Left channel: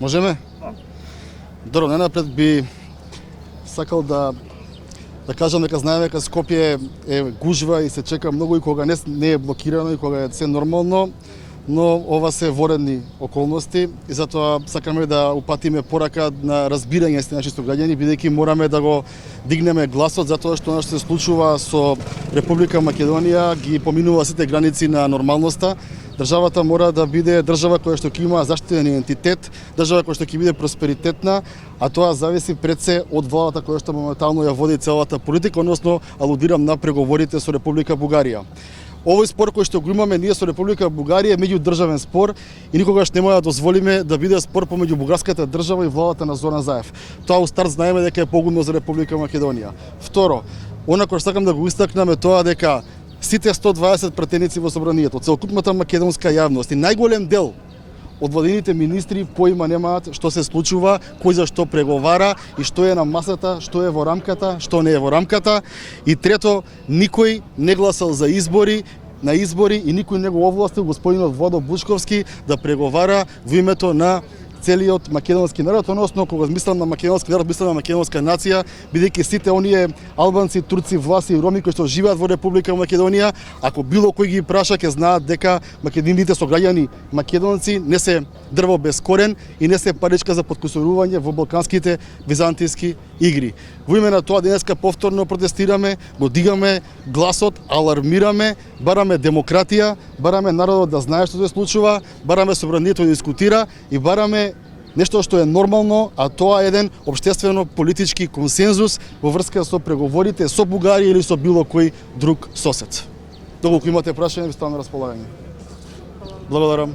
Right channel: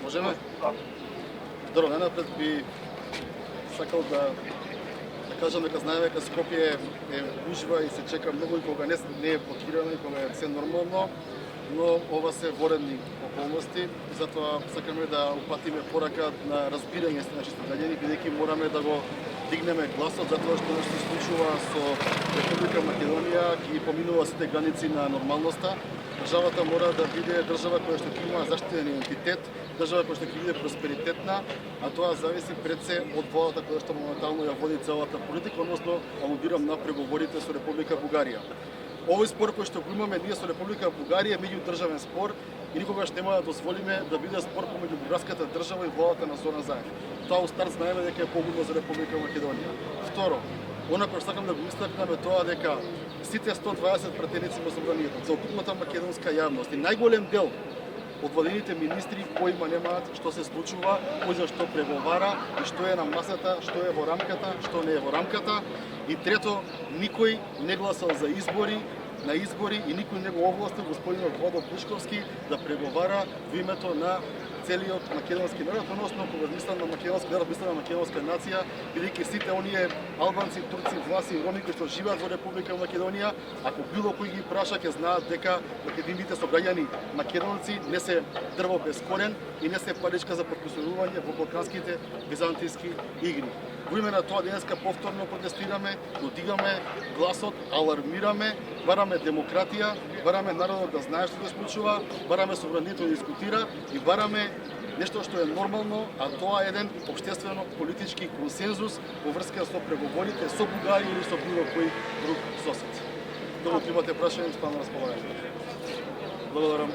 Можеме? Добро, најнапред би сакал да кажам дека знаеме дека Скопје е гужва и се чека многу и кога не е блокирано и кога е се нормално, но ова се воредни околности и затоа сакаме да упатиме порака на разбирање со нашите граѓани, бидејќи мораме да го дигнеме гласот затоа што она што се случува со Република Македонија ги поминува сите граници на нормалноста. Државата мора да биде држава која што ќе има заштитен идентитет, држава која што ќе биде просперитетна, а тоа зависи пред се од владата која што моментално ја води целата политика, односно алудирам на преговорите со Република Бугарија. Овој спор кој што го имаме ние со Република Бугарија е меѓудржавен спор и никогаш нема да дозволиме да биде спор помеѓу бугарската држава и владата на Зоран Заев. Тоа у старт знаеме дека е погубно за Република Македонија. Второ, она кој сакам да го истакнам е тоа дека сите 120 пратеници во собранието, целокупната македонска јавност и најголем дел од владините министри поима немаат што се случува, кој за што преговара и што е на масата, што е во рамката, што не е во рамката. И трето, никој не гласал за избори, на избори и никој не го овластил господинот Владо Бушковски да преговара во името на целиот македонски народ, односно кога мислам на македонски народ, мислам на македонска нација, бидејќи сите оние албанци, турци, власи и роми кои што живеат во Република Македонија, ако било кој ги праша, ќе знаат дека македонините сограѓани македонци не се дрво без корен и не се паричка за подкусурување во балканските византијски игри. Во име на тоа денеска повторно протестираме, го дигаме гласот, алармираме, бараме демократија, бараме народот да знае што се случува, бараме собранието да дискутира и бараме нешто што е нормално, а тоа е еден општествено-политички консензус во врска со преговорите со Бугарија или со било кој друг сосед. Доколку имате прашање, ви ставам на располагање. Благодарам.